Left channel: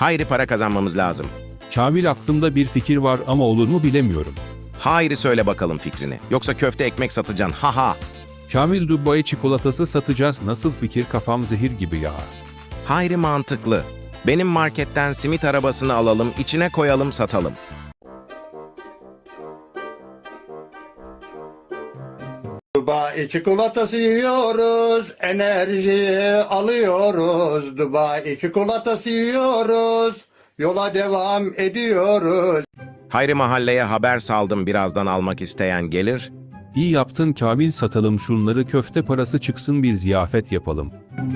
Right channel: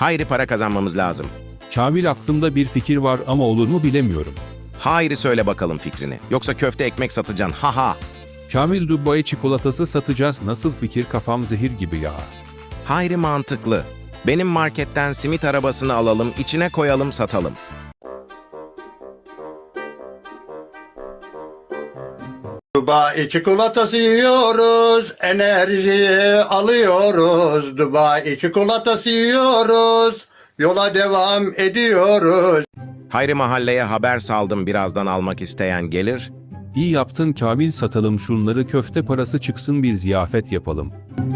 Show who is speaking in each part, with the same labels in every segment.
Speaker 1: Hayri, para kazanmamız lazım.
Speaker 2: Kamil, aklımda bir fikir var ama olur mu bilemiyorum.
Speaker 1: Hayri, söyle bakalım fikrini. Yoksa köfte ekmek satacaksın, haha.
Speaker 2: Kamil, Dubai çikolatası satacağız. Nasıl fikir, kafam zehir gibi ya.
Speaker 1: Hayri, mantıklı. Benim marketten simit arabasını alalım, içine koyalım, satalım.
Speaker 3: Dubai çikolatası yiyoruz, enerji alıyoruz. Dubai çikolatası yiyoruz, yola devam ediyoruz.
Speaker 1: Hayri, mahalleye haber saldım, birazdan almak isteyen gelir.
Speaker 2: İyi yaptın Kamil, satalım şunları, köfte parası çıksın, bir ziyafet yapalım.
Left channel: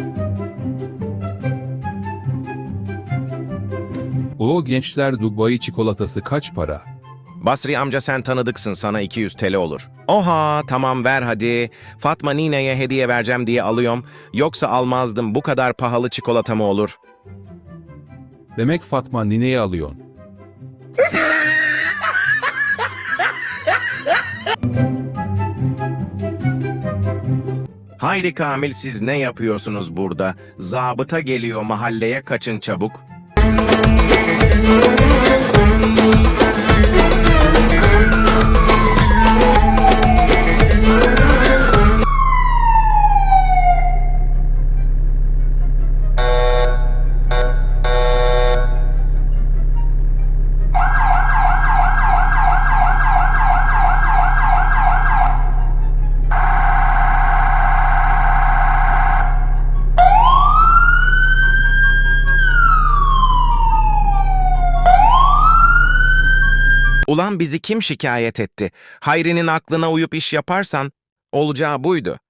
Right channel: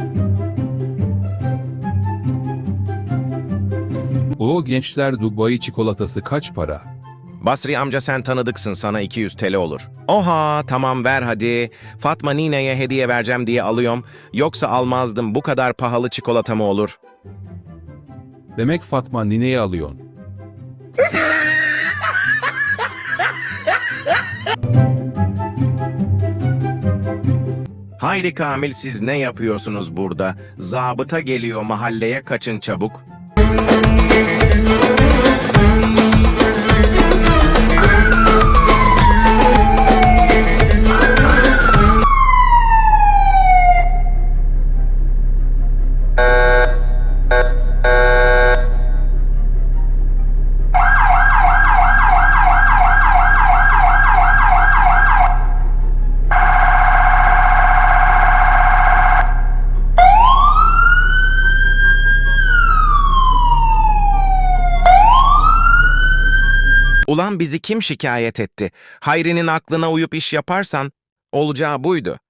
Speaker 2: O gençler, Dubai çikolatası kaç para?
Speaker 1: Basri amca, sen tanıdıksın, sana 200 TL olur. Oha, tamam ver hadi. Fatma nineye hediye vereceğim diye alıyorum. Yoksa almazdım, bu kadar pahalı çikolata mı olur?
Speaker 2: Demek Fatma nineye alıyorsun.
Speaker 1: Hayri, Kamil, siz ne yapıyorsunuz burada? Zabıta geliyor, mahalleye kaçın çabuk. Ulan bizi kim şikayet etti? Hayri'nin aklına uyup iş yaparsan olacağı buydu.